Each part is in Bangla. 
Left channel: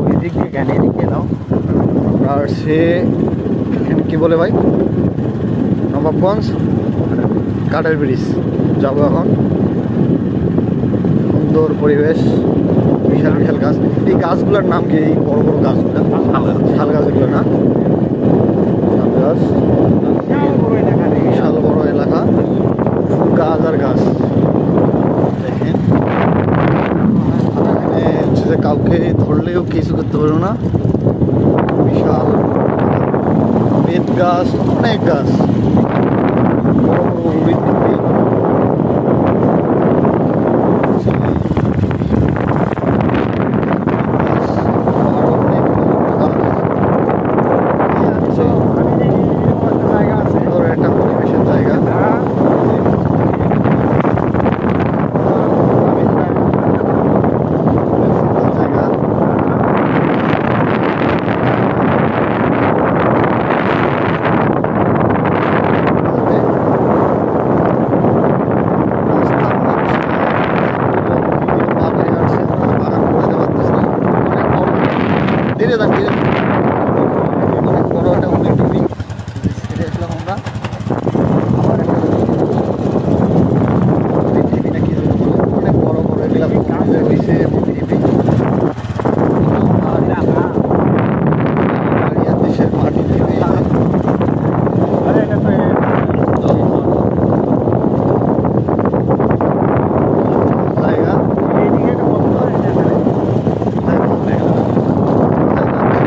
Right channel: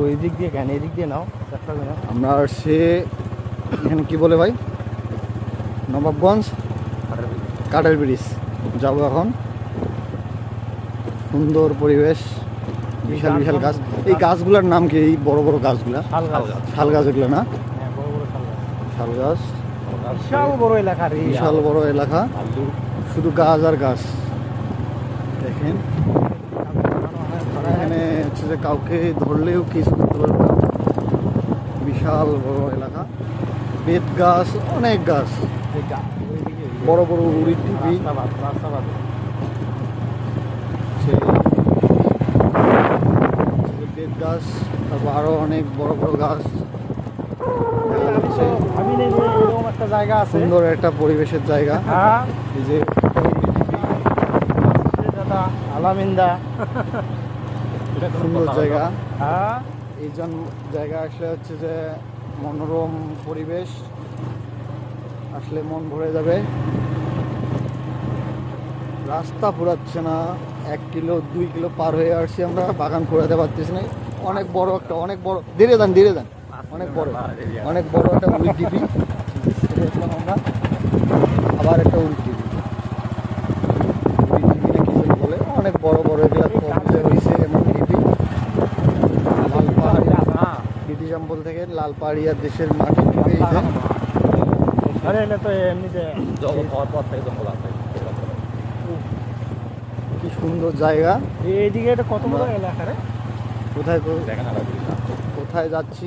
ওই দিক দিয়ে কেন এদিক দিয়ে নাও। আমরা সে এখানে কি বলে ভাই, নবাবগঞ্জ কাঠের ব্রিজ যাবো এখন। সুন্দর পরিবেশ, বিশাল বিশাল গাছ। এই গাছগুলোর নাম কি? এই বড় বড় গাছগুলো শাল গাছ এগুলো না? শাল গাছ, বিশাল বড় এলাকা, শুধু গাছ আর গাছ। দেখেন এখানে হচ্ছে কাউকে ধরলেও কিছু করতে পারবে না। বিশাল বেত গাছ, অনেক গাছ, বড় বড় উড়ির টিপি, গাছ, আরো অনেক বড় বড় গাছ। সুন্দর একটা পরিবেশের জায়গা। সুন্দর জায়গা। রাস্তা পাচ্ছি না, 1 কিলো 2 কিলো পার হয়ে আসছে, আমরা বাগান করে দিতে পারতেছি না। অনেক বড়, ধীরে যান ধীরে, অনেক বড় একটা উড়ি টিভি ছেড়ে আসলাম আমরা। আবার একটা উড়ি টিভিটা কি যেন বলে, অনেক বড় বড় এগুলা হয়েছে এমন টিভি। লালবাড়িয়া দেশের মাটির টিভি। সুন্দর জায়গা। এইদিকে এটা কত কোথায় কোথায় যাচ্ছি?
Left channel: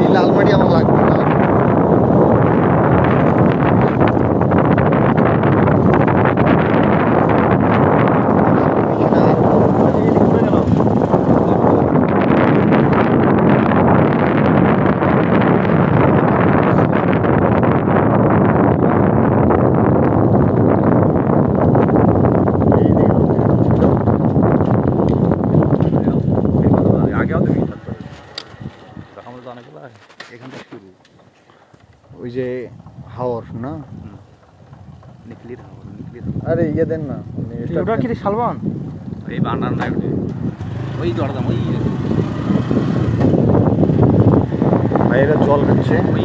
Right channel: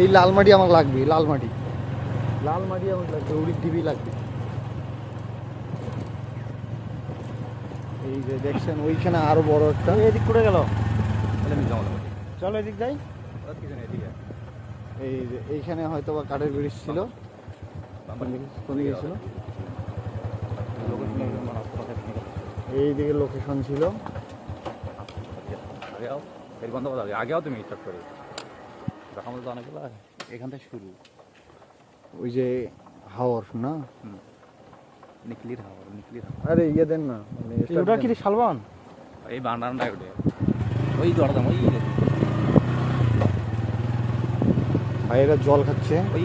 এই লালমাটি আমার লাগবে, লালমাটি। এখানে আরো বড় একটা ঘুরে গেল। এইদিকে লোকেশন ছিল। আগেও তুমি এখান থেকে শুরু, ওই যে হাওর না, নিকলির হাওর, নিকলির আরে ইয়ে দেন না, ওটা কি শালবন? এই বানানটা ওই দরদাম ওই ভাইয়েরা জল খাচ্ছে। ওই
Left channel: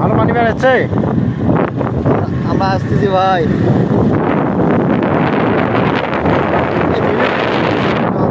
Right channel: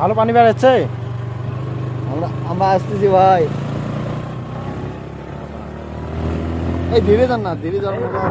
ভালো পানি বেড়াচ্ছে। আমরা আসতেছি ভাই, এই ধীরে না।